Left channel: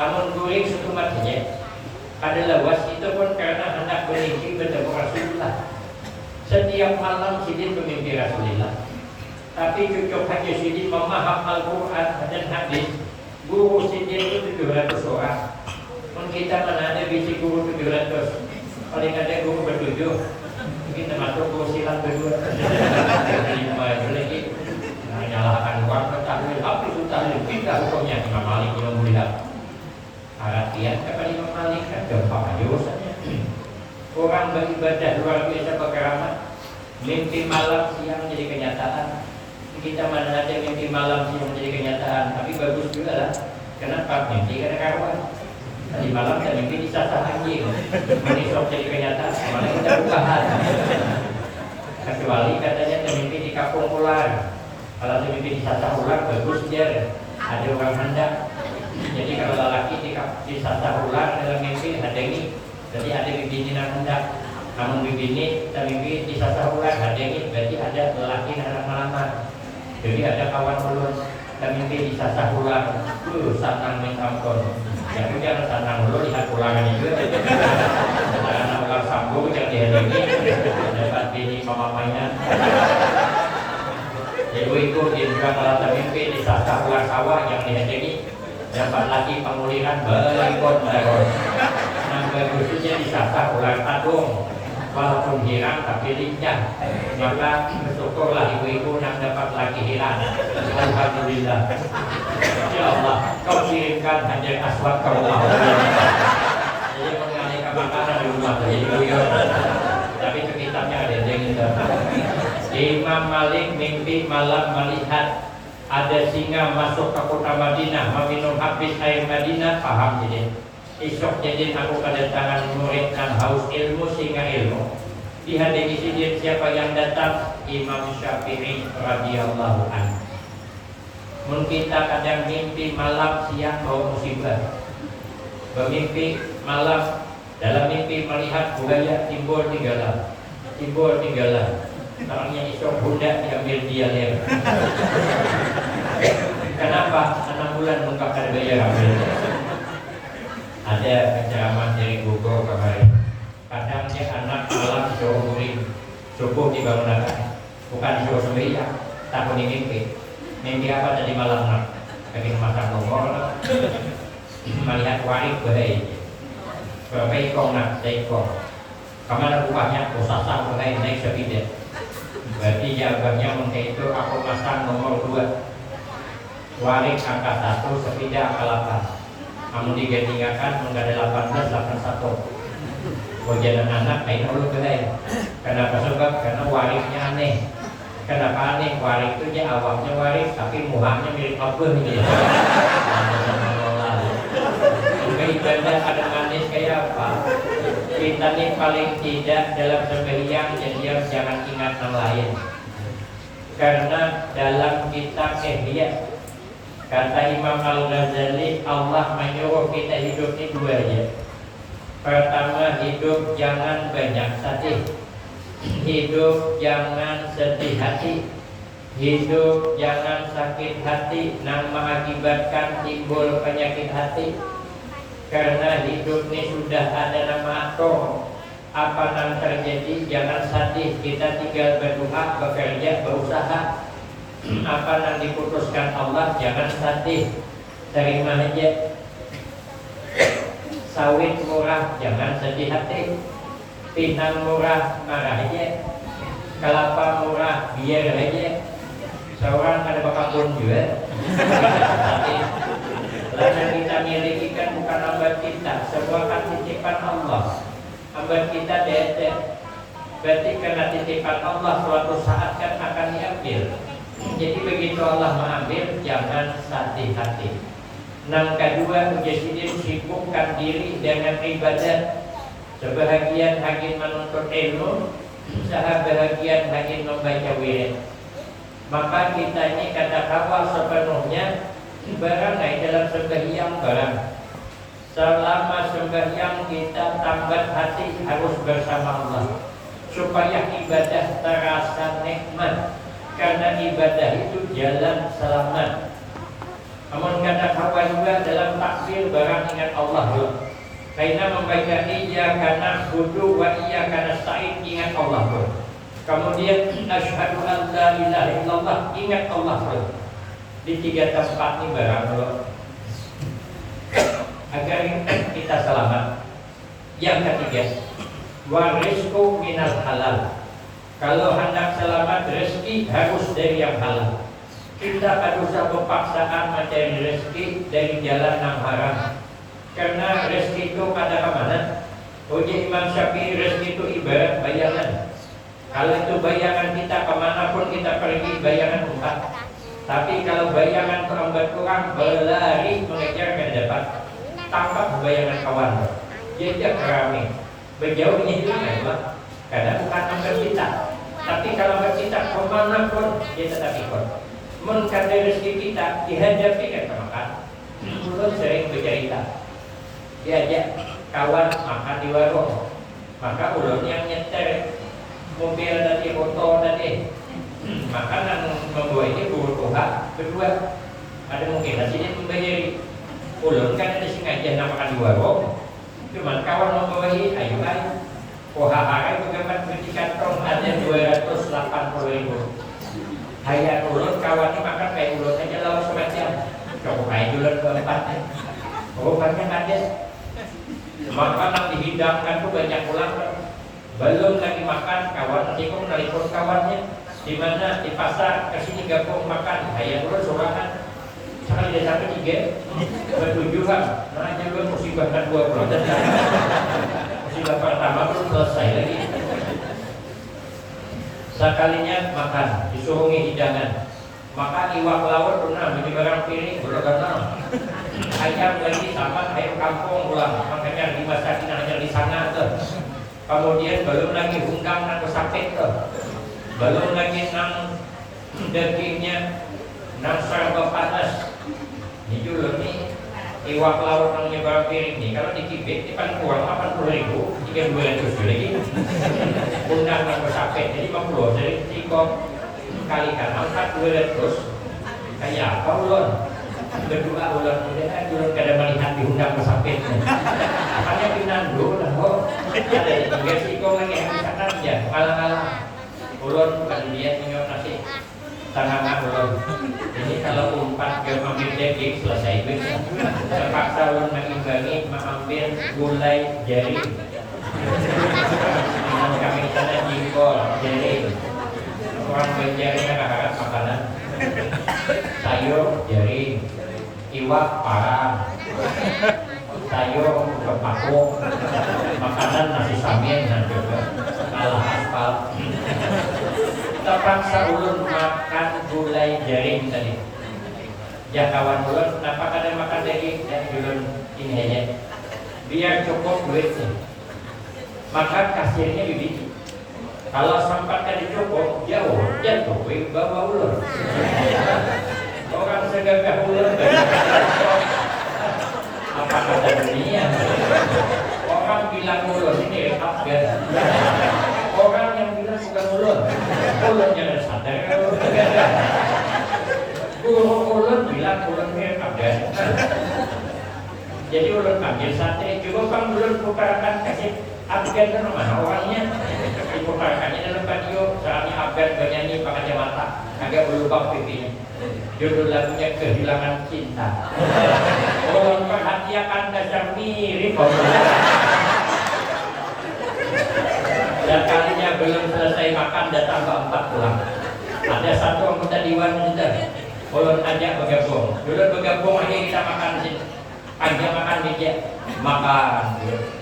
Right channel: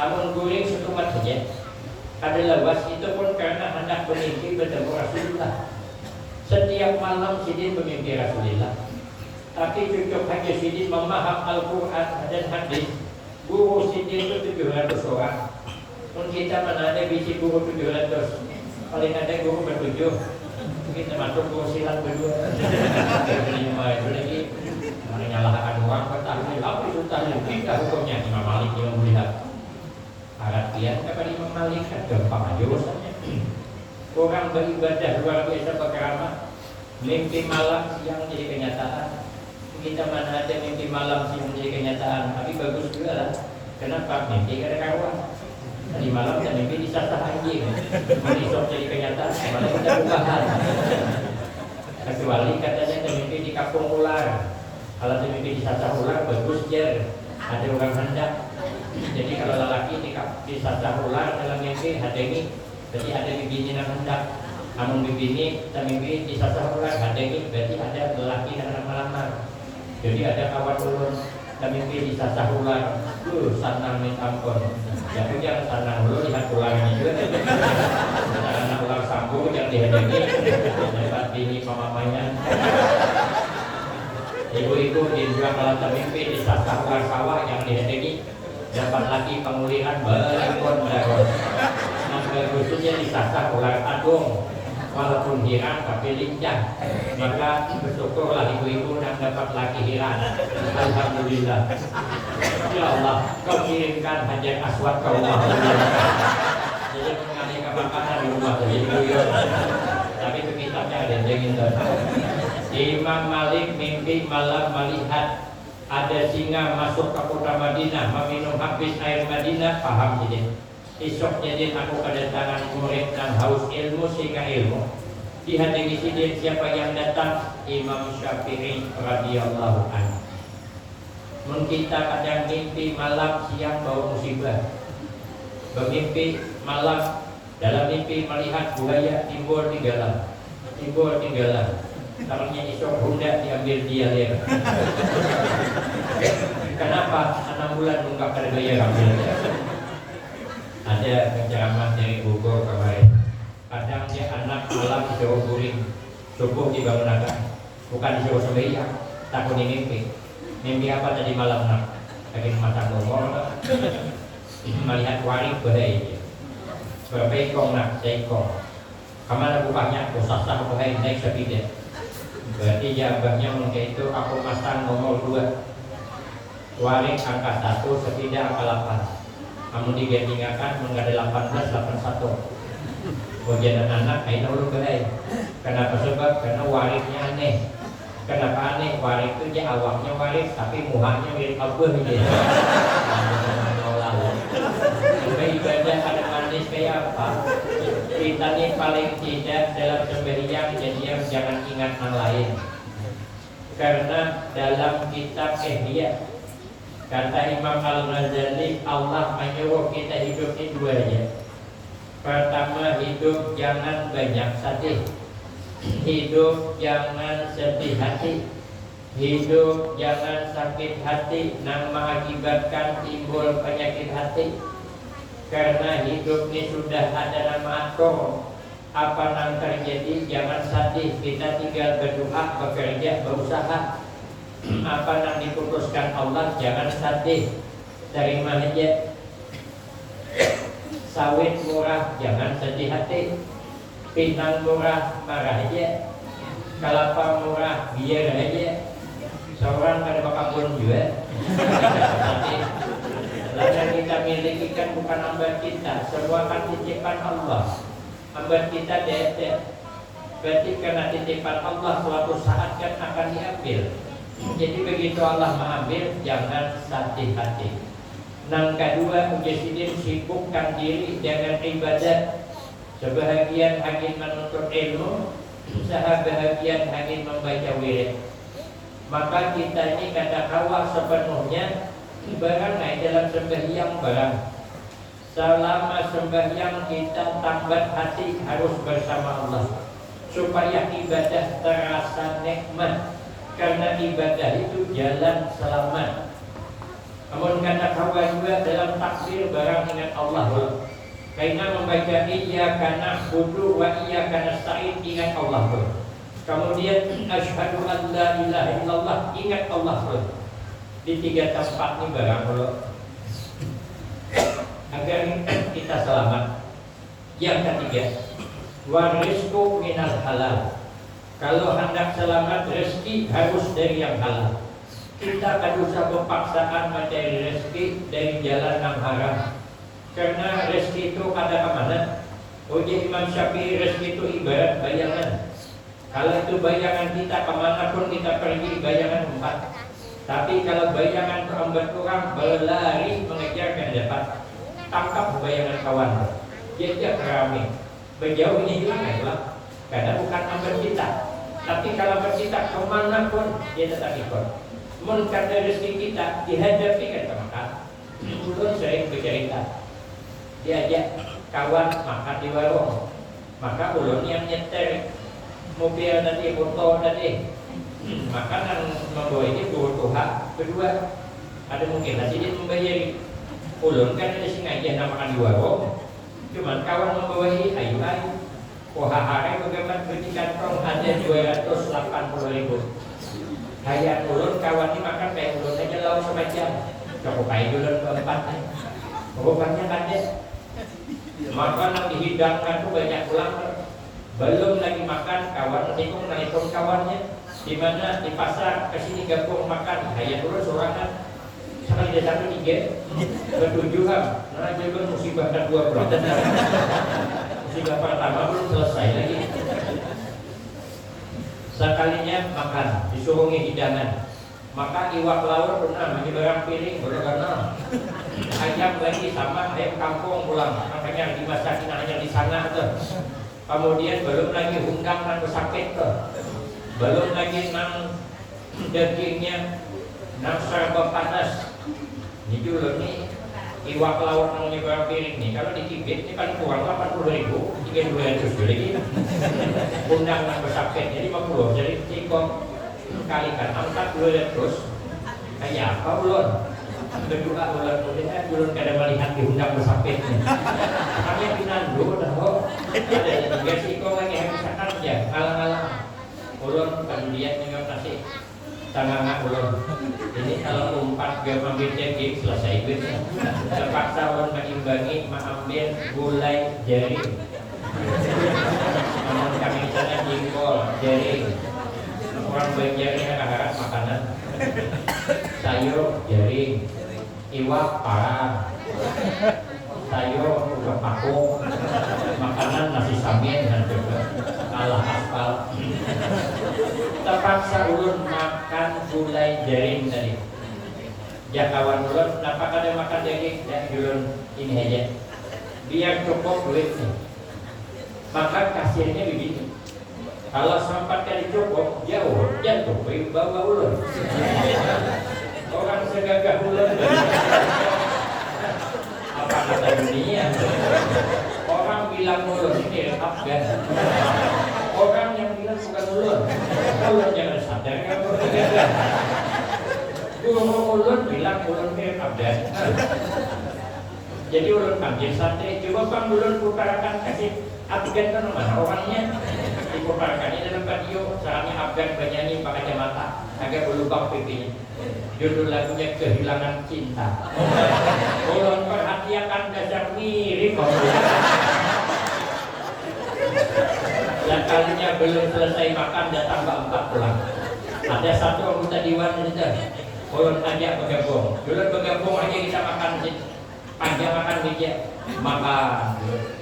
Amun guring setumat saja. Kada lawas itu pun karena hendak bermimpi bertemu Rasulullah. Setiap malam Sidin bermimpi Rasulullah. Tapi cucuk Haji Sidin memaham Al-Quran dan hadis. Guru Sidin itu 700 orang. Mun kita mana ada bisi guru 700. Paling ada guru bertujuh. Kita masuk guru silat berdua. Lima itu lagi. Menyalahkan orang bertahlil. Apa itu tahlil? Kita hukumnya Imam Malik yang melihat. Artian kepada Imam Malik kan gampang aja urusannya. Orang beribadah luar biasa berkeramat. Mimpi malam siang jadi kenyataan. Kita mana ada mimpi malam siang jadi kenyataan. Tapi bagus juga lah. Kenapa? Mimpi kada karuan. Tadi malam kita mimpi disasah anjing. Menisok jadi kenyataan. Malah kita bukaan. Kecuali katanya kita mimpi di kampung ular. Kalau kita mimpi disasah ular bagus ya. Ada orang hendak. Jadi kalau lelaki disasah ular dalam mimpi ada ini. Jadi ada bibini yang hendak. Namun bibini dan mimpi disasah ular ada ini. Berarti ada lelaki yang hendak melamar. Jadi ada kawan ulun dan mimpi disasah ular. Sanang min ampun. Ya punya sanang ulun lihat ular ini juga. Karena ular sambung yang dihadiri dapat bini mamamanya. Ibu-ibu di juga kalau mimpi disasah ular sawah yang dihadiri dapat lagi pemulihan berikut teror. Nah bagusnya disasah ular tadung. Walaupun hilang tapi lincah. Maka bersyukurlah ibu-ibu yang dapat lagi hilang. Alhamdulillah. Ya Allah, kau kirimkan Hajar Aswad ke rumah. Jadi mengenai kebakaran di rumah jadi buyur. Tapi itu kitabnya ada yang Imam Malik mimpi malam melihat ada singa masuk ke kota Madinah meminum habis air Madinah. Paham jadi esok jadi aku kedatangan murid dan haus ilmu singa ilmu. Dihadiri sidin siapa yang datang? Imam Syafi'i radhiyallahu anhu. Mun kita kadang mimpi malam siang bawa musibah. Bermimpi malam dalam mimpi melihat buaya timbul tinggalan. Namanya isok budak diambil dia lihat. Kenapa? 6 bulan nunggak ada bayar ambil. Ada penceramah dari Bogor kemarin. Kadang dia anak malam disuruh guring, subuh dibangunkan. Bukan disuruh sembahyang, takut mimpi. Mimpi apa tadi malam nak? Dari masa Bogor melihat warik bahaya. Berapa ikong nak? Seikong. Kamar rupanya posasang bahaya naik sepeda. Berarti jawabannya mungkin itu aku masang nomor 2. Warik angka 1, sepeda angka 8. Namun digandingkan menggada 18, 81. Kemudian anak kain dulu belai. Kenapa sebab? Karena wariknya aneh. Kenapa aneh? Warik itu dia awaknya warik, tapi muhanya mirip abah gitu. Ibadah ada manis kayak apa? Kita ini paling tidak dalam sembahyang jadi jangan ingat yang lain. Karena dalam kitab Ihya kata Imam Al-Ghazali, Allah menyuruh kita hidup ini 2 aja. Pertama, hidup jangan banyak sedih. Hidup jangan sedih hati. Hidup jangan sakit hati yang mengakibatkan timbul penyakit hati. Karena hidup ini sudah ada nama atur. Apa yang terjadi jangan sedih. Kita tinggal berdoa, bekerja, berusaha. Apa yang diputuskan Allah jangan sedih. Terima aja. Sawit murah jangan sedih hati. Pinang murah marah aja. Kelapa murah biar aja. Seorang ada bakal juga. Karena kita miliki kan bukan hamba kita, semua kan titipan Allah. Hamba kita dede. Berarti karena titipan Allah suatu saat kan akan diambil. Jadi begitu Allah mengambil, jangan sedih hati. Yang kedua, Mujasidin sibukkan diri dengan ibadah. Sebahagian hangin menuntut ilmu, sebahagian hangin membaca wirid. Maka kita ini kata kawal sepenuhnya berangai dalam sembahyang barang. Selama sembahyang kita tambat hati harus bersama Allah supaya ibadah terasa nikmat. Karena ibadah itu jalan selamat. Namun kata kawan juga dalam takbir barang ingat Allah. Karena membaca iyyaka na'budu wa iyyaka nasta'in ingat Allah. Kemudian asyhadu an la ilaha illallah ingat Allah. Di 3 tempat ini barang agar kita selamat. Yang ketiga, wa rizqu minal halal. Kalau hendak selamat rezeki harus dari yang halal. Kita tak usah berpaksaan mencari rezeki dari jalan yang haram. Karena rezeki itu pada kemana? Uji Imam Syafi'i, rezeki itu ibarat bayangan. Kalau itu bayangan kita kemanapun kita pergi, bayangan empat. Tapi kalau bayangan terlambat kurang, berlari mengejar ke depan. Tangkap bayangan kawan, jejak rame. Berjauh ini juga, karena bukan ambil kita. Tapi kalau bercita kemanapun dia tetap ikut. Mengkata rezeki kita dihadapi kan makan. Belum sering bercerita. Diajak kawan makan di warung, maka ulun yang nyetir mobil tadi, motor tadi, makanan membawa ini kebutuhan kedua. Ada mungkin nanti dia membayari. Ulun kan ada sengaja makan di warung, cuman kawan membawa ini ayo. Hari bagaimana beli kantong ada 280.000. Hayat ulun kawan ini makan kayak ulun aja lalu semacam. Coba kayak ulun keempat. Obatnya ada. Makanan dihidangkan tuh banyak ulang. Belum lagi makan kawan nanti kok telepon kawannya di mana di pasar kesini gabung makan. Hayat ulun sorangan. Sekali dia sampai 3 bertujuan. Nah aja ulun musibah kan 2 bulan. Musibah pertama belum selesai lagi. Sekalinya makan, disuruhi hidangan. Maka iwak laut pernah menyeberang piring berganal. Ayam lagi sama ayam kampung pulang. Makanya dimasakin hanya di sana tuh. Kemudian belum lagi undang dan sakit tuh. Belum lagi nang dagingnya nang serba panas. Ini dulu nih iwak laut yang nyeberang piring nih. Kalau dikibit ini paling kurang 80.000, 3.200 lagi. Undang dan sakit jadi 50. Jadi 3 kalikan 4.200 kayak apa ulun? Berdua ulun kemudian ulun kada melihat diundang pesapitnya. Makanya pinan dulu dah kok. Ada juga sih kok lagi misalkan ya alang-alang ulun kemudian minum nasi tengah ulun. Ini kalau umpat dia mengambil daging selesai itu. Terpaksa ulun mengimbangi mengambil gulai jaring. Kami sana jengkol jaring. Orang berjaring agak-agak makanan. Sayur jaring, iwak parang, sayur kepakuk, makanan nasi samin dan juga ala aspal. Terpaksa ulun makan gulai jaring tadi. Ya kawan ulun, kenapa kada makan daging? Ya ulun ini aja. Biar cukup duitnya. Maka kasirnya bibit. Kalau sempat kali cukup, jauh, jatuh, bawa ulun. Orang segagah ulun. Apa kata dunia? Orang bilang ulun ini Afgan. Orang yang bilang bukan ulun. Ulun jangan sadar kalau segagah. Guru ulun bilang ulun ini Afgan. Jadi ulun ambil santai. Coba bang ulun bukarakan kasih Afgan kan mana orangnya. Dipukarakannya dalam video. Soalnya Afgan bernyanyi pakai kacamata. Agak berlubang pipinya. Judul lagunya Kehilangan Cinta. Orang perhatian dasar mirip. Dan kalinya belum selesai makan datang ke 4 pulang. Ada satu anggota Dewan kita. Ulun ajak bergabung. Dulu bergabung aja kita makan di sini. Panjang makan meja. Makan.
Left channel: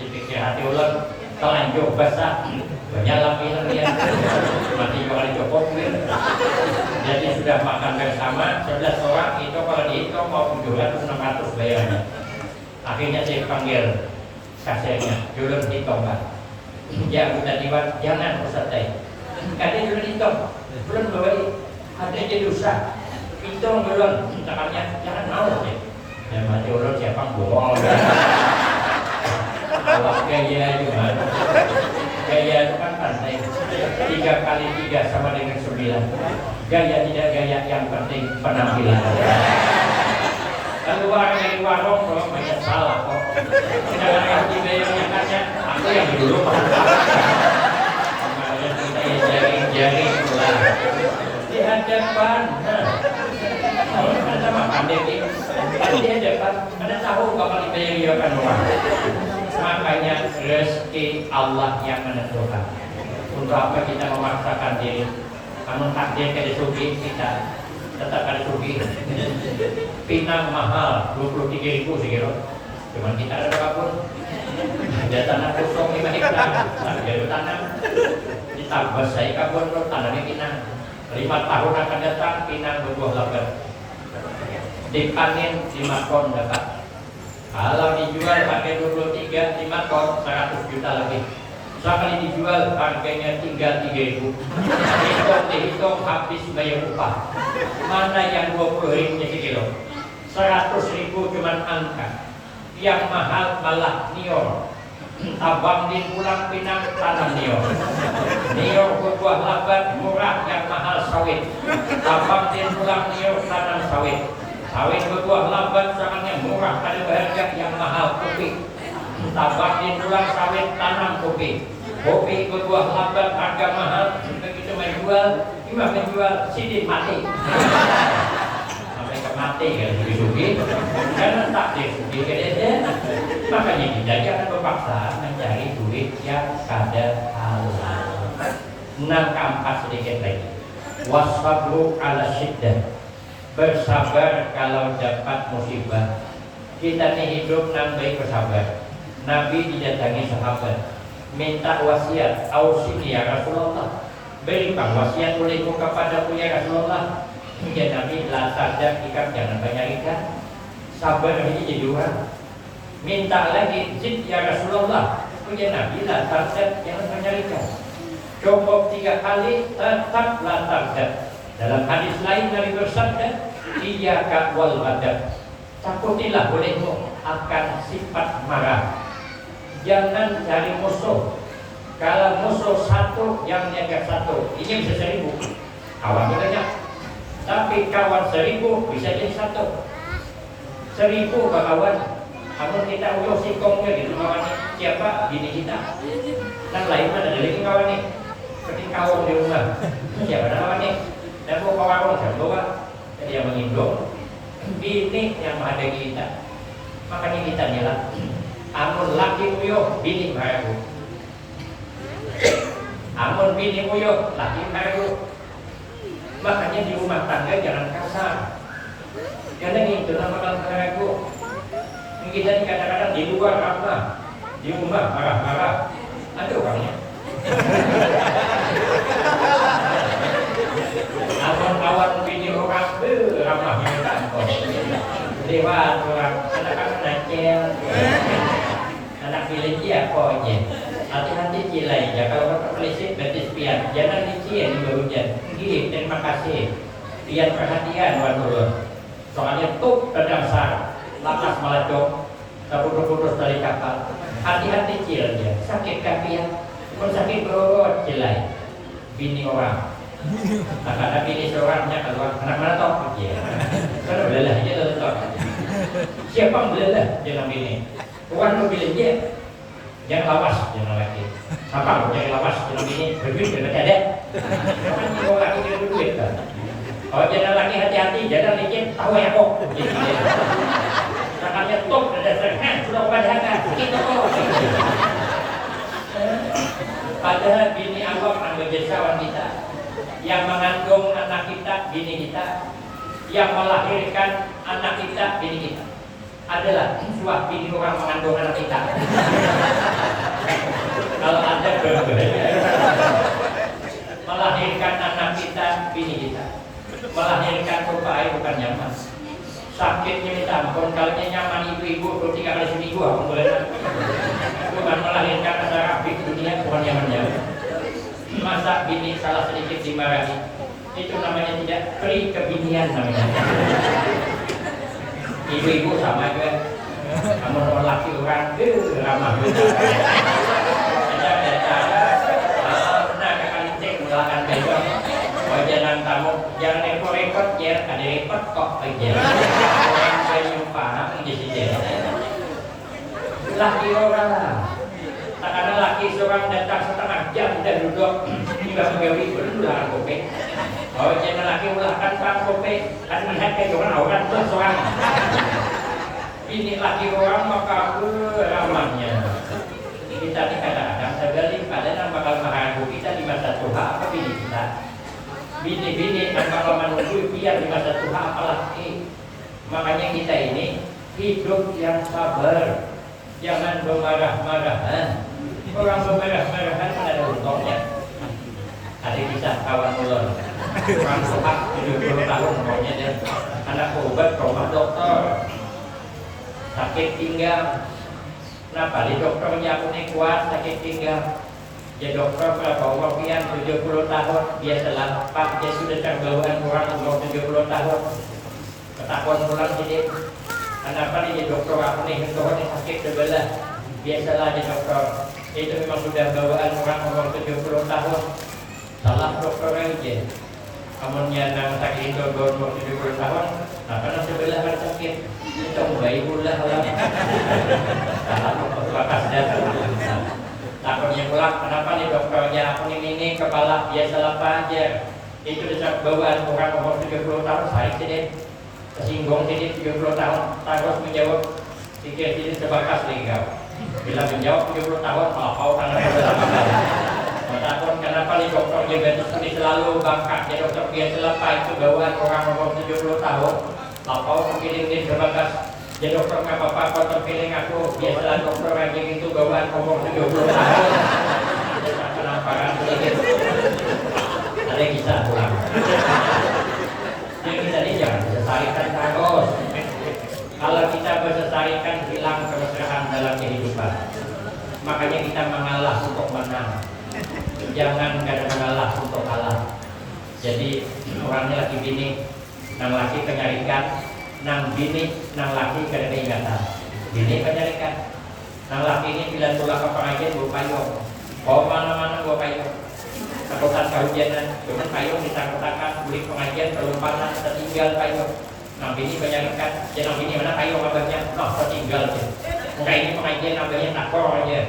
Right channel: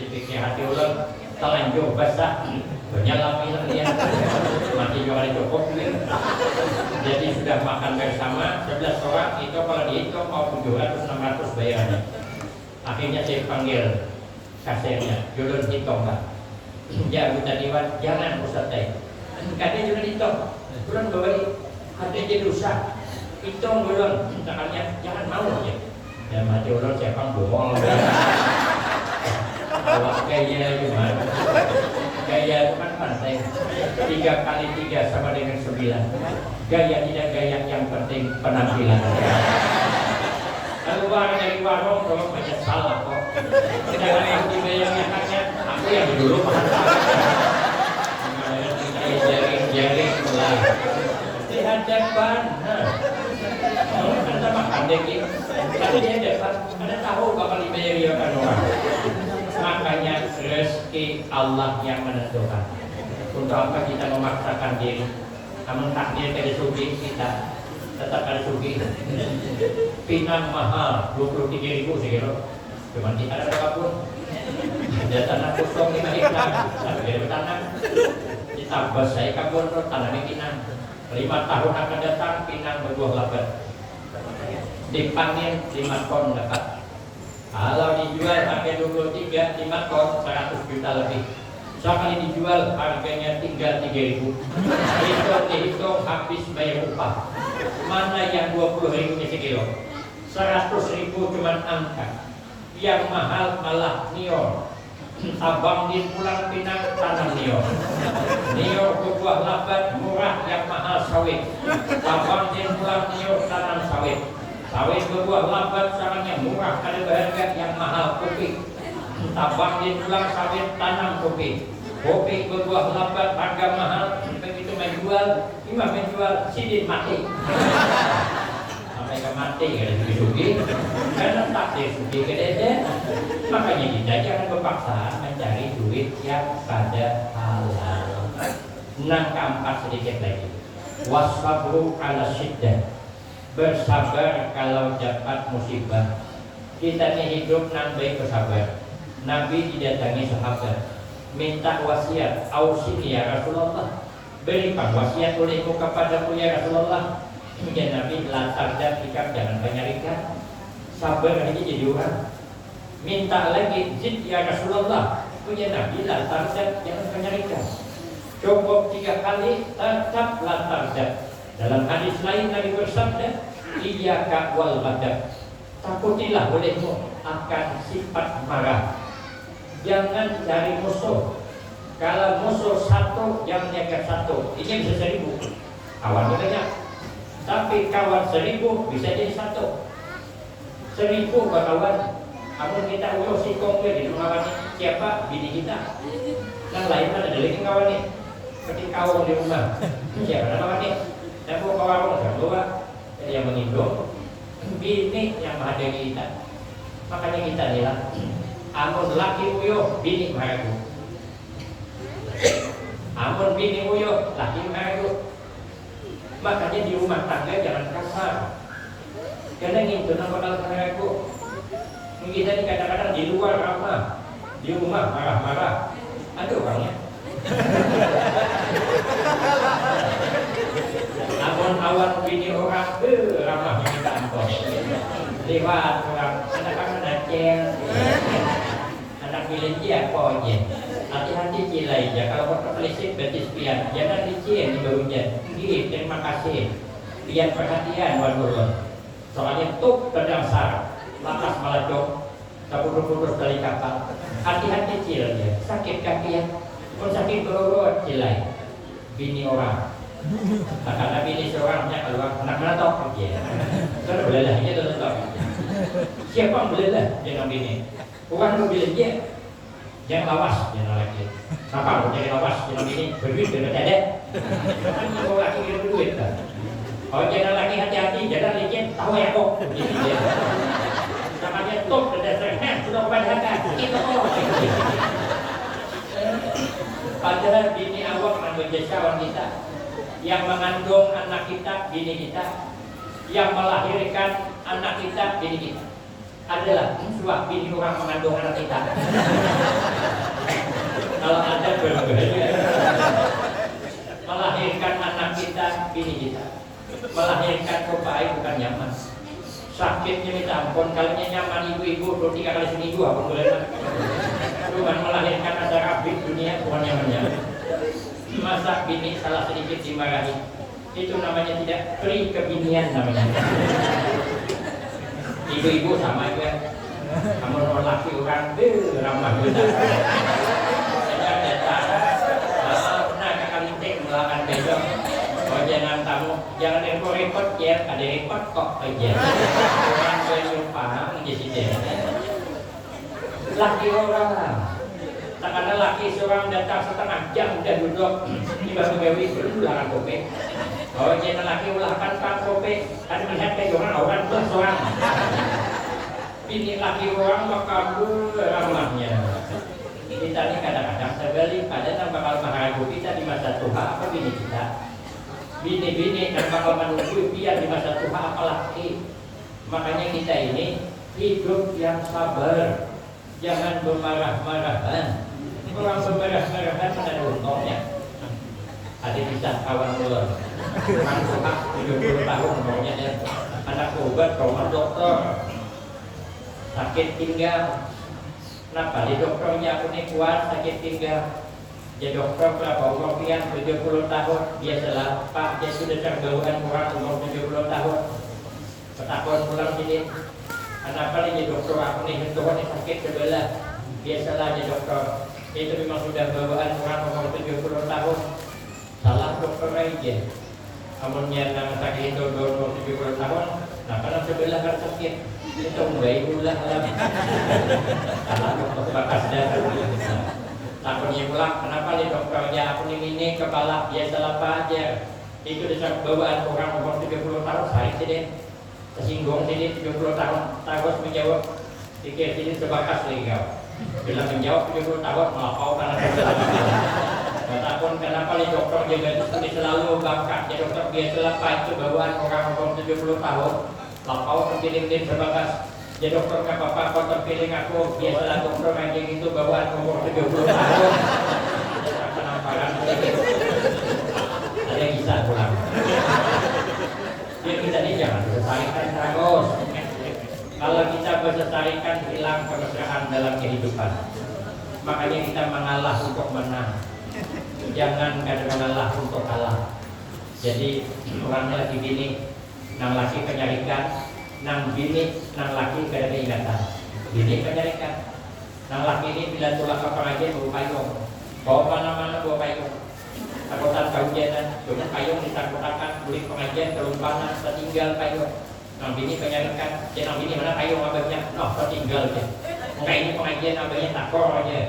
Dipikir hati ulun telanjur basah. Bernyalami dia. Mati juga cukup. Jadi sudah makan bersama 11 orang. Itu kalau dihitung mau 700-600 bayarnya. Akhirnya saya panggil kasirnya. Ulun hitung kan. Ya anggota Dewan jangan Ustaz Tay. Katanya ulun hitung. Ulun bawa ada jadi dosa. Hitung ulun. Misalnya jangan mau deh. Ya mati ulun siapa bohong. Kalau gaya gimana? Gaya itu kan pantai. 3 kali 3 sama dengan 9. Gaya tidak gaya, yang penting penampilan. keluar dari warung kalau banyak salah kok. Jangan yang dibayangnya kan aku yang dulu makan. Makanya kita jaring-jaring lah. Di hadapan. Oh, kita makan deh di hadapan. Ada tahu bakal dibayarkan orang. Makanya rezeki Allah yang menentukan. Untuk apa kita memaksakan diri? Namun takdir dari sugi kita tetap ada sugi. Pinang mahal 23.000 sekilo. Cuman kita ada berapun. Ada tanah kosong 5 hektar. Tapi dari tanam ditambah saya kabur tanamnya pinang. 5 tahun akan datang pinang berbuah lebat. Dipanen 5 ton dapat. Kalau dijual harga 23, 5 ton 100 juta lebih. Sekali dijual harganya tinggal 3.000. Dihitung habis bayar upah. Mana yang 20.000 sekilo? 100.000 cuman angka. Yang mahal malah nior. Abang di pulang pinang tanam nior. Nior berbuah lebat murah, yang mahal sawit. Abang di pulang nior tanam sawit. Sawit berbuah lebat sangatnya murah, ada harga, yang mahal kopi. Tabak di pulang sawit tanam kopi. Kopi berbuah lebat harga mahal. Begitu menjual, cuma menjual sini mati. Mereka mati kan sugi-sugi. Karena tak sugi kedede. Makanya kita jangan berpaksa mencari duit yang kada halal. Nah, keempat sedikit lagi. Wasabru ala syiddah. Bersabar kalau dapat musibah. Kita ini hidup nambai bersabar. Nabi didatangi sahabat, minta wasiat, ausini ya Rasulullah, berikan wasiat olehmu kepadaku ya Rasulullah. Hingga Nabi latar dan ikam jangan banyak ikan. Sabar ini jadi orang. Minta lagi zid ya Rasulullah. Hingga Nabi latar dan jangan banyak ikan. Cukup 3 kali tetap latar dan. Dalam hadis lain Nabi bersabda, iyyaka wal ghadab. Takutilah olehmu akan sifat marah. Jangan cari musuh. Kalau musuh satu, yang jaga satu. Ini bisa 1000. Kawan banyak. Tapi kawan 1000 bisa jadi 1. 1000 kawan. Namun kita uyuh sikongnya gitu kawan ini. Siapa? Bini kita. Dan lain ada lagi kawan ini. Ketika kawan di rumah. Siapa kawan ini? Dan kawan saya bawa yang mengindong. Bini yang menghadapi kita. Makanya kita nilai. Amun laki uyuh, bini maragu. Amun bini uyuh, laki maragu. Makanya di rumah tangga jangan kasar. Jangan itu nama maragu. Kita ini kadang-kadang di luar ramah, di rumah marah-marah. Ada orangnya. Amun kawan bini orang, ramahnya kantor. Lewat orang, anak-anak nakal. Anak pilih dia pokoknya. Hati-hati cilai ya. Kalau berkelisik berarti pian. Jangan licin di barunya. Gini, terima kasih. Pian perhatian waduh. Soalnya tuh terdasar. Lantas melacok. Terputus-putus dari kapal. Hati-hati cilai ya. Sakit kaki ya. Kalau sakit berurut cilai. Bini orang. Ada bini seorangnya kalau anak mana tau ya. Kalau belalah aja tetap. Siapa belalah jangan bini. Bukan mobil dia, jangan lawas, jangan lagi. Apa? Jangan lawas, jangan ini berduit tidak ada. Kan ini kalau laki tidak berduit kan. Kalau jangan lagi hati-hati, jangan licin, tahu ya kok. Makanya top berdasarkan sudah pada harga kita tolong. Padahal bini awak akan berjasa wanita yang mengandung anak kita, bini kita, yang melahirkan anak kita, bini kita. Adalah suah bini orang mengandung anak kita. Kalau ada berbahaya. Melahirkan anak kita, bini kita. Melahirkan berbahaya bukan nyaman. Sakitnya minta ampun. Kalau nyaman ibu-ibu 3 kali seminggu aku boleh. Bukan melahirkan antara big dunia bukan nyaman-nyaman. Masa bini salah sedikit dimarahi. Itu namanya tidak pri kebinian namanya. Ibu-ibu sama juga. Kamu laki orang ramah kita. Nah kali cek mulakan besok. Wajanan tamu jangan repot-repot ya. Ada repot kok aja. Orang saya jumpa laki orang. Tak ada laki seorang datang setengah jam dan duduk tiba pegawai berulah kopi. Oh jangan laki ulahkan sang kopi. Kan lihat kayak orang belah seorang. Ini laki orang maka beramahnya. Kita ni kadang-kadang sebalik pada yang bakal mengganggu kita di masa tua apa bini kita. Bini-bini yang bakal menunggu biar di masa tua apalagi. Makanya kita ini hidup yang sabar, jangan bermarah-marahan. Orang bermarah-marahan ada untungnya. Ada kisah kawan ulun, orang suka 70 tahun umurnya dia, anak obat ke rumah dokter, sakit pinggang. Kenapa? Di dokternya aku nih kuat sakit pinggang. Ya dokter kalau umurnya 70 tahun, dia salah pak, dia sudah tergauan orang umur 70 tahun. Ketakuan pulang sini. Kenapa nih dokter aku nih sakit sebelah? Biasalah di dokter. Itu memang sudah bawaan orang umur 70 tahun. Salah dokter aja. Amunnya nang sakit itu umur 70 tahun, nah karena sebelah kan sakit. Itu mulai pula lah. Salah dokter bakas dah. Takutnya pulang, kenapa nih dokternya aku ini kepala biasa apa aja. Itu sudah bawaan orang umur 70 tahun, saya sih tersinggung sini 70 tahun, takut menjawab pikir sini sebakas lagi kau. Bila menjawab 70 tahun, maaf karena takut kenapa nih dokter dia gadis selalu bangkak. Ya dokter biasa apa itu bawaan orang umur 70 tahun, lapau terpilih sebakas. Ya dokter nggak apa-apa, kau terpilih aku biasalah dokter aja gitu bawaan umur 70 tahun. Penamparan sedikit. Ada kisah pulang. Jadi kita ini jangan melestarikan terus. Kalau kita melestarikan hilang kebersihan dalam kehidupan. Makanya kita mengalah untuk menang. Jangan kadang mengalah untuk kalah. Jadi orangnya lagi bini, nang laki kenyarikan, nang bini, nang laki kadang ingatan. Bini kenyarikan, nang laki ini bila tulang ke pengajian bawa payung, bawa mana-mana bawa payung. Takutan kehujanan, cuma payung disangkutakan, beli pengajian terlumpanan, tertinggal payung. Nang bini kenyarikan, nang bini mana payung abahnya, tertinggal je. Enggak ini pengajian abahnya takor aja.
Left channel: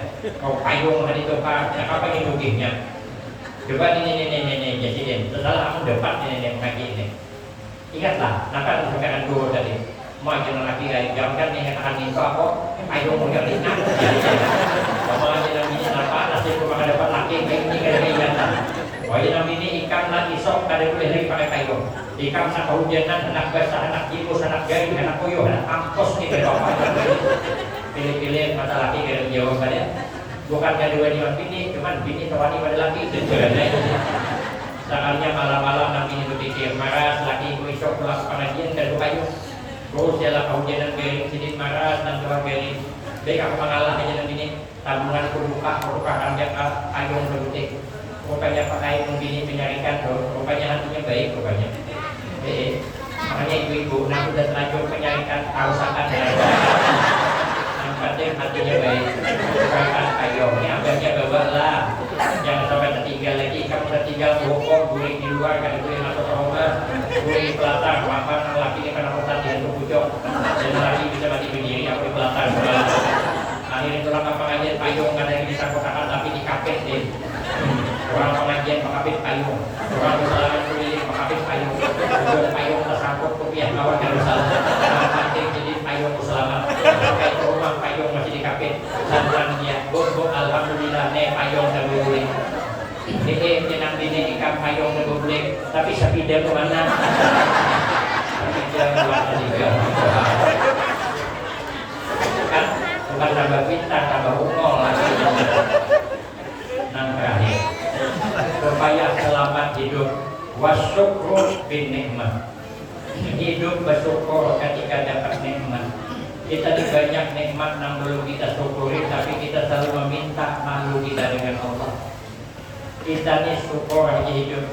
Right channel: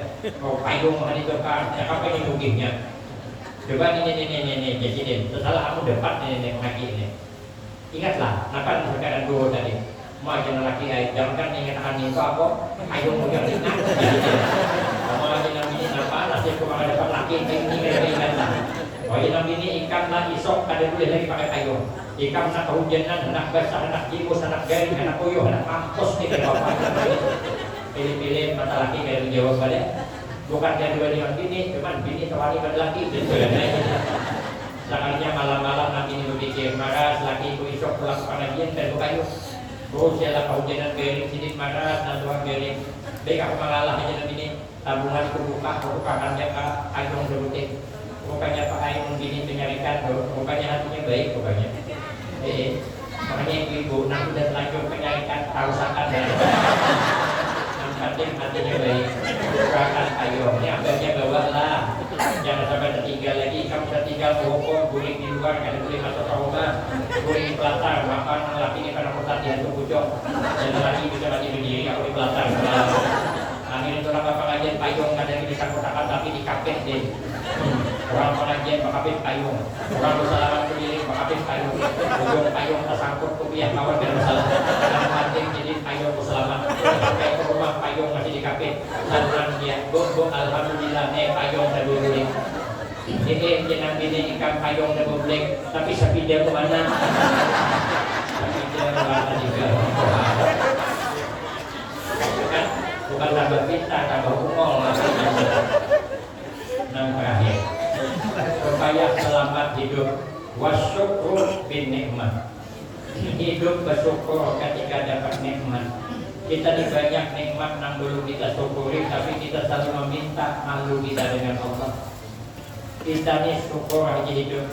Oh payung tadi itu pak, apa ini ruginya? Coba ini jadi setelah kamu dapat ini mengaji ini. Ingatlah, nakal sekarang dulu tadi. Mau aja laki lagi jangan yang katakan minta apa, payung punya ringan. Sama aja yang ini apa, nasib kau dapat laki ini kan ingatan. Wajib ini ikan lagi sok pada boleh lagi pakai payung. Ikan satu hujanan, anak basah, anak tikus, anak garing, anak koyo, anak ampos nih dari bapak. Pilih-pilih mata laki dari menjawab pada. Bukan dari dua dengan bini, cuman bini tawani pada laki. Saatnya malam-malam nanti berpikir marah, laki ibu isok pulang pengajian dan payung. Terus jalan kehujanan garing sedikit marah dan tuan garing. Baik aku mengalah aja nanti ini tabungan buka harga payung berbutik. Rupanya pakai begini menyarikan rupanya hatinya baik rupanya. Makanya ibu-ibu nanti sudah terlanjur menyarikan kausakan yang penting hatinya baik. Bukakan payungnya, abangnya bawa lah. Jangan sampai tertinggal lagi. Kamu tertinggal bokong, guling di luar, kan guling masuk ke rumah, guling di pelataran. Makan laki ini karena pusat di hantu pucuk. Dan lagi bisa mati berdiri, aku di pelataran. Akhirnya tulang pengajian payung kadang bisa kotakan tapi di kapit deh. Orang pengajian mengapit payung, orang bersalaman keliling mengapit payung, tujuan payung tersangkut rupiah kawan yang bersalah, yang penting jadi payung bersalaman, sampai ke rumah payung masih dikapit, lantannya, bumbu alhamdulillah, payung saya boleh, jenang bini ikan payung saya boleh, tapi sapida ke mana? Sapida ke mana juga? Bukan tambah pintar, tambah ungol lagi. Dan terakhir, supaya selamat hidup wasyukur bin nikmat. Hidup bersyukur ketika dapat nikmat. Kita di banyak nikmat yang belum kita syukuri, tapi kita selalu meminta malu kita dengan Allah. Kita ini syukur aja hidup.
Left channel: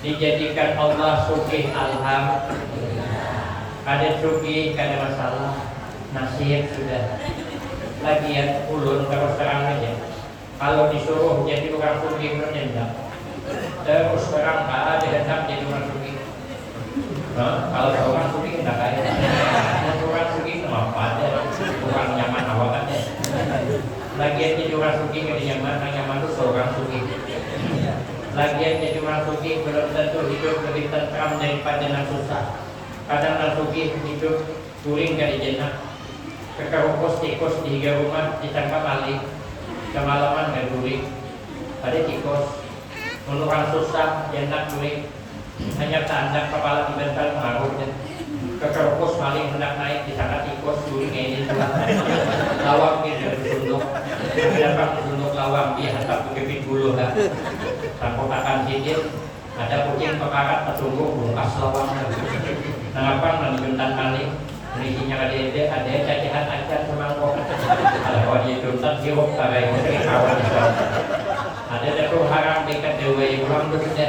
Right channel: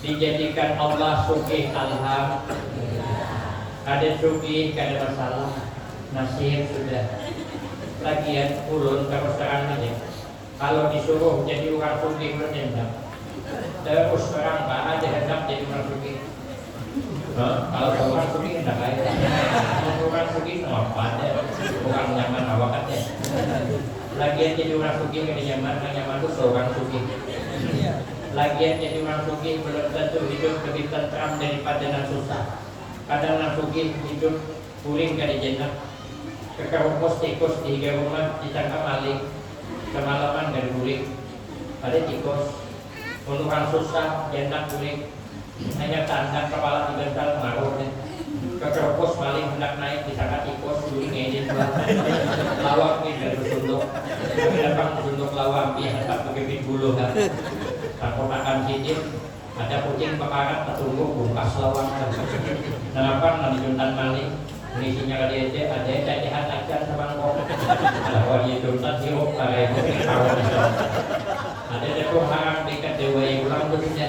Dijadikan Allah sugih alhamdulillah. Ada sugih, ada masalah, nasib sudah. Lagian ulun terus terang aja. Kalau disuruh jadi orang sugih berjenjang, terus terang tak ada hendak jadi orang sugih. Kalau orang sugih tidak kaya. Orang sugih apa ada, orang nyaman awak aja. Lagian jadi orang suki gak nyaman, nyaman itu orang suki. Lagian jadi orang suki belum tentu hidup lebih tentram daripada yang susah. Kadang orang suki hidup kuring gak dijena. Kekerupos tikus di higa rumah ditangkap balik. Kemalaman gak kuring. Ada tikus. Untuk orang susah jena kuring. Hanya tanda kepala dibentar mengarutnya. Kekerupos maling hendak naik disangka tikus kuring ini telah lawak dari sunduk. Dapat sunduk lawang dia hendak bergebit bulu kan. Tanpa makan sidin ada kucing pekarat tertunggu bungkas lawang. Kenapa menuntan maling? Isinya ada cacihan acar semangkok. Kalau dia tuntan sirup tarai kawan. Ada dekor harang dekat dewa ulang terusnya.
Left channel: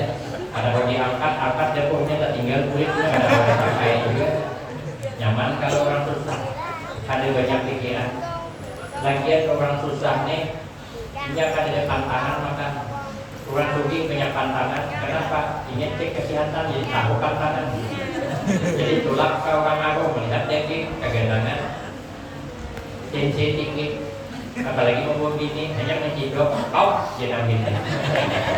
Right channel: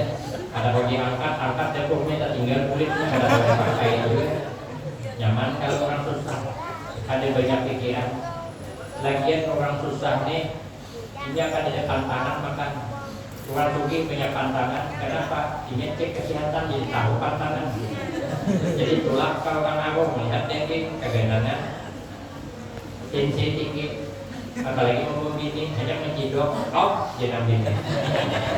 Ada kalau diangkat dekornya tak tinggal kulitnya ada orang pakai juga. Nyaman kalau orang susah. Ada banyak pikiran. Lagian orang susah nih, ini akan ada tantangan makan. Orang sugi banyak tantangan. Kenapa? Ini cek kesehatan jadi tahu tantangan. Jadi tulak kalau orang awam melihat daging kegagalan, tensi tinggi. Apalagi mau bini hanya mencidok, jadi ambil.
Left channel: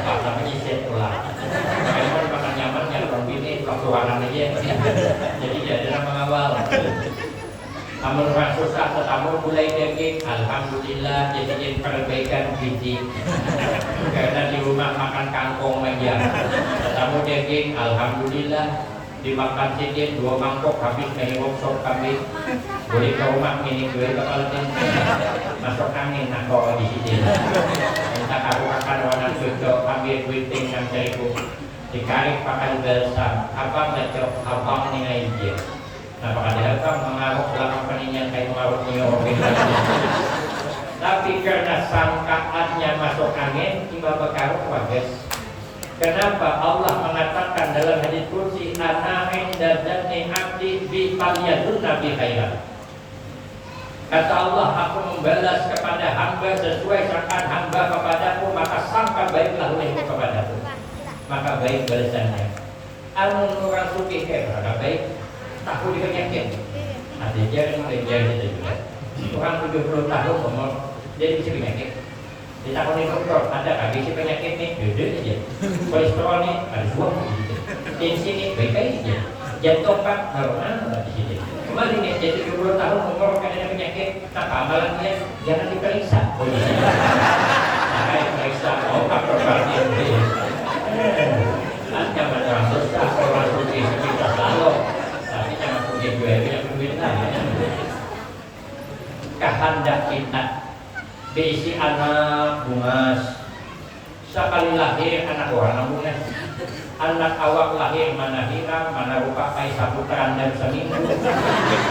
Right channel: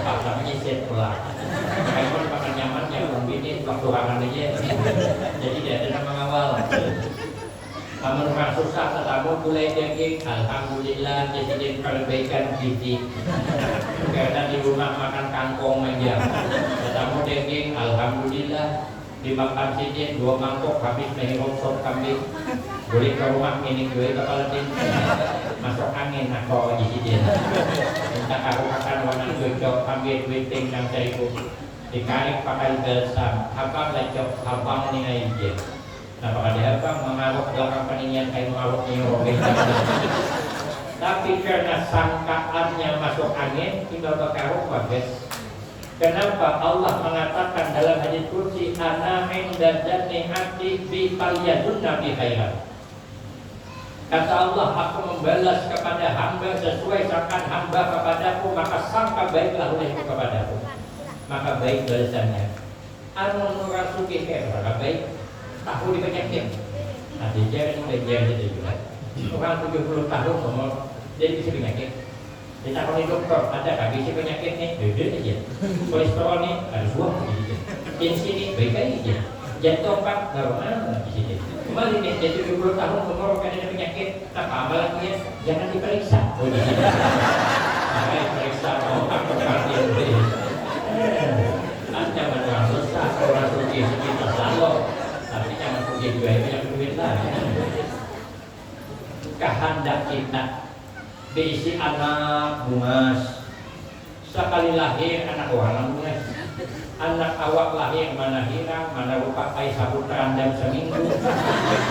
Apa menyisir tulak. Kalau makan nyaman kan orang bini waktu warna dia. Jadi ada nama awal. Namun orang susah tetamu mulai daging, alhamdulillah jadi perbaikan gizi. Karena di rumah makan kangkong aja. Tetamu daging, alhamdulillah dimakan sidin 2 mangkok habis menghirup sop kambing. Boleh ke rumah ini gue kepala ting. Masuk angin nak bawa di sidin. Minta aku makan warna cocok ambil duit ting yang cariku. Dikarik pakai balsam. Abang lecok, abang ni aja. Nah, padahal kan mengaruk belakang peningan kayak mengaruk nyuruk. Tapi karena sangkaannya masuk angin, tiba berkaruk bagus. Kenapa Allah mengatakan dalam hadis qudsi ana inda dzanni abdi bi falyadun nabi khairan. Kata Allah, aku membalas kepada hamba sesuai sangkaan hamba kepadaku, maka sangka baiklah olehku kepadaku. Maka baik balasannya. Amun orang sugih berada baik. Aku dipenyakit. Nanti dia mulai jadi juga. Orang 70 tahun umur dia bisa penyakit. Ditakoni dokter, ada kaki si penyakit nih, duduk aja. Kolesterol nih, harus buang gitu. Tensi nih, baik aja. Jantung pak, baru mana di sini. Kembali nih, jadi 20 tahun umur ada penyakit, apa amalan dia? Jangan diperiksa. Oh iya. Nah, diperiksa otak berarti itu. Ada macam susah, orang suci kita selalu. Tapi jangan pergi juga punya duit lah. Kehendak kita diisi anak bungas. Sekali lahir anak orang bungas. Anak awak lahir mana hirang, mana rupa kai saputaran dan seminggu.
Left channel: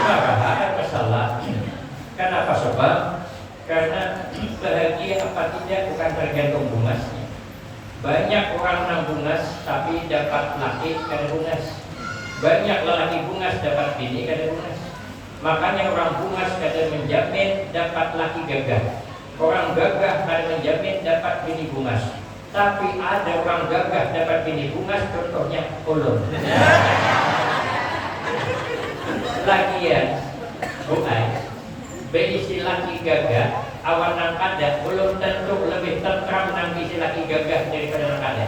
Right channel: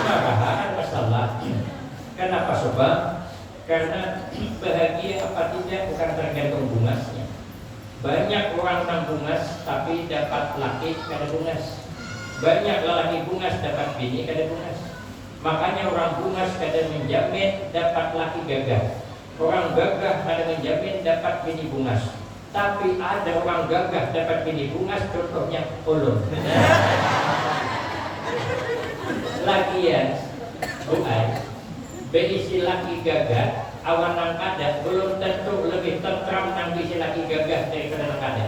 Marahan masalah. Kenapa sebab? Karena bahagia apa tidak bukan tergantung bungasnya. Banyak orang yang bungas tapi dapat laki kada bungas. Banyak lelaki bungas dapat bini kada bungas. Makanya orang bungas kada menjamin dapat laki gagah. Orang gagah kada menjamin dapat bini bungas. Tapi ada orang gagah dapat bini bungas, contohnya ulun. Lagian bukan berisi laki gagah, awan nang kada belum tentu lebih tentram nang isi laki gagah daripada nang kada.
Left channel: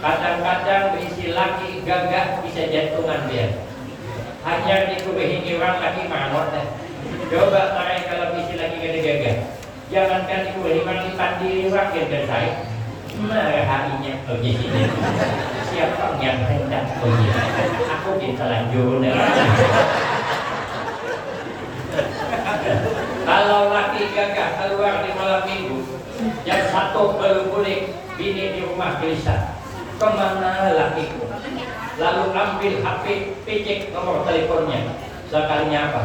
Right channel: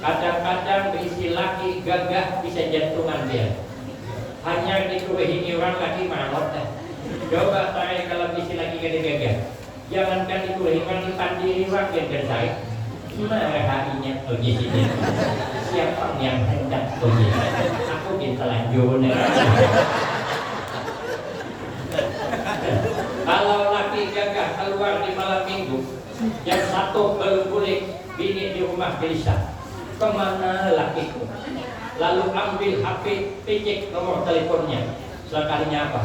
Kadang-kadang berisi laki gagah bisa jantungan dia. Hanya dikurehin orang laki mangot. Coba tarik kalau isi laki gagah. Jangankan dikurehin orang ipan diri rakyat dan saya. Marahainya begini. Siapa yang hendak begini? Aku ditelanjur. Kalau laki gagah keluar di malam minggu, yang satu belum boleh bini di rumah gelisah. Kemana lakiku? Lalu ambil HP, pijik nomor teleponnya. Sekalinya apa?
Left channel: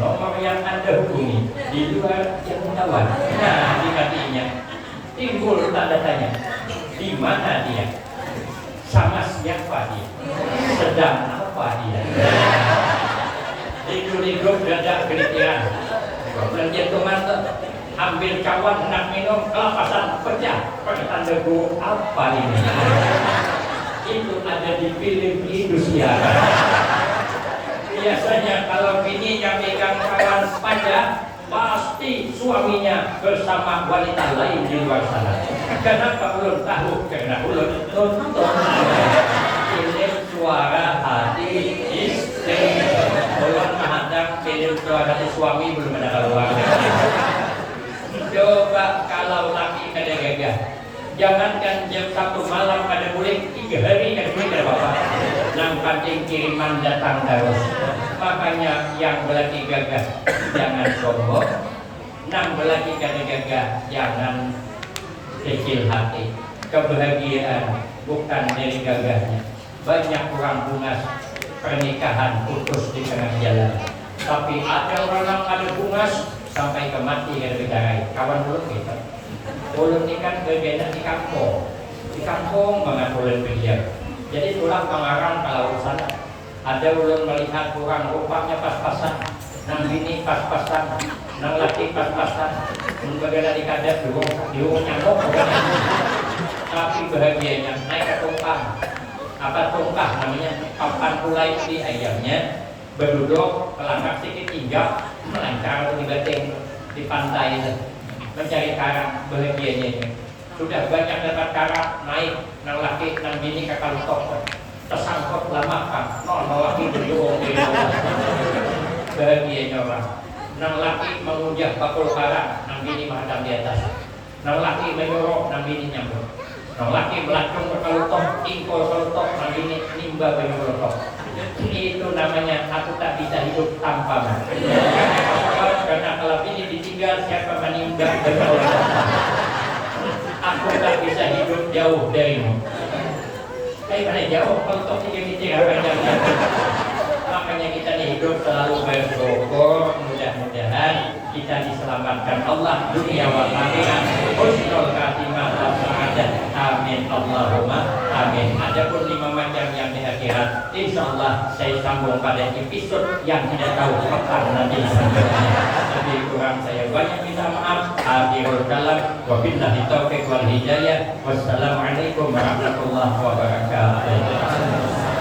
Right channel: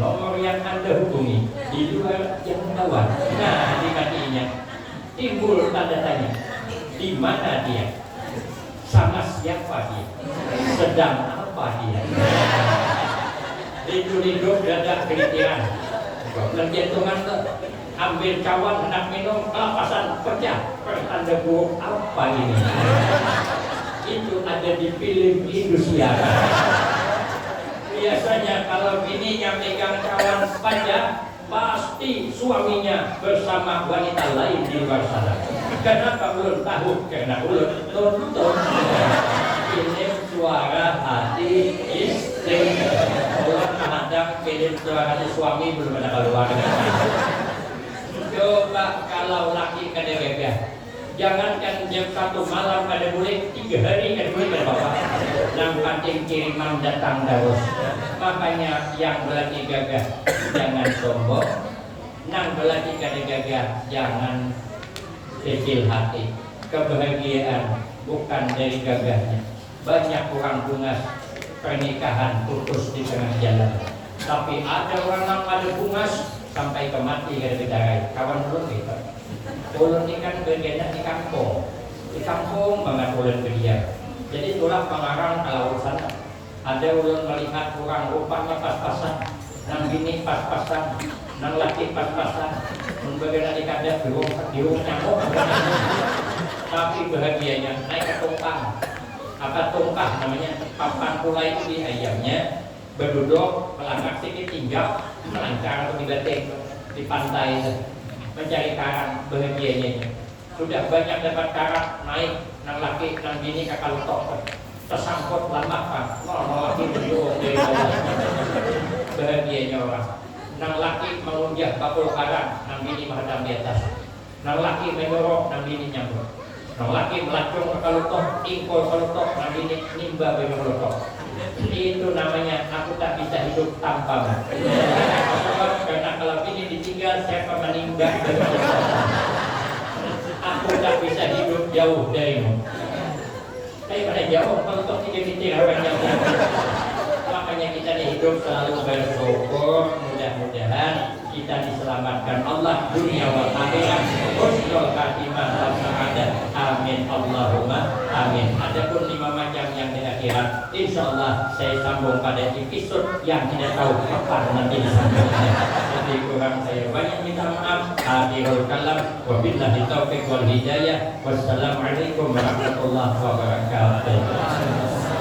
Nomor yang Anda hubungi di luar jangkauan. Nah, di hatinya timbul tanda tanya. Di mana dia? Sama siapa dia? Sedang apa dia? Lidu-lidu dadak kelitiran. Jantungan ambil kawan hendak minum, kelapasan pecah. Tanda buruk apa ini? Itu ada di film Indonesia. Biasanya kalau bini yang megang kawan panjang, pasti suaminya bersama wanita lain di luar sana. Kenapa ulun tahu? Karena ulun nonton film suara hati istri. Ulun menghadap film suara hati suami belum ada keluar. Coba kalau laki kada gagah, jangankan jam 1 malam kada boleh, 3 hari kada boleh kada apa-apa. Nang kancing kiriman datang terus. Makanya yang belaki gagah jangan sombong, nang belaki kada gagah jangan kecil hati. Kebahagiaan bukan dari gagahnya. Banyak orang bungas pernikahan putus di tengah jalan. Tapi ada orang yang ada bungas sampai ke mati dari bidarai. Kawan ulun gitu. Ulun ini kan bergerak di kampung. Di kampung banget ulun berdiam. Jadi tulang pengarang kalau urusan ada ulun melihat orang rupanya pas-pasan, nang bini pas-pasan, nang laki pas-pasan, bergerak di kadet diurung nyamuk. Tapi bahagianya naik ke tongkang. Apa tongkah namanya? Papan kulai di ayamnya berduduk melangkah sedikit injak melancar atau di bateng di pantai mencari karang. Bahagianya sudah banyak dapat karang, naik nang laki nang bini kakal tok tersangkut lama kan nol laki berdua dari bawah. Bahagianya orang nang laki mengunjah bakul karang, nang bini menghadap di atas. Nang laki menyorok, nang bini nyambut. Nang laki melacung ke kalutok, ingkol kalutok, nang bini nimba bagi kalutok. Itu namanya aku tak bisa hidup tanpa. Karena kalau bini ditinggal siapa menimba bagi kalutok. Aku tak bisa hidup jauh darimu. Kayak jauh kalutok tiga-tiga apa-apa. Makanya kita hidup selalu bersyukur, mudah-mudahan kita diselamatkan Allah dunia wal akhirat, husnul khatimah wal sa'adah. Amin Allahumma amin. Adapun 5 macam yang di akhirat, insyaallah saya sambung pada episode yang tidak tahu kapan nanti selanjutnya. Jadi kurang saya banyak minta maaf. Akhirul kalam, wabillahi taufiq wal hidayah. Wassalamualaikum warahmatullahi wabarakatuh.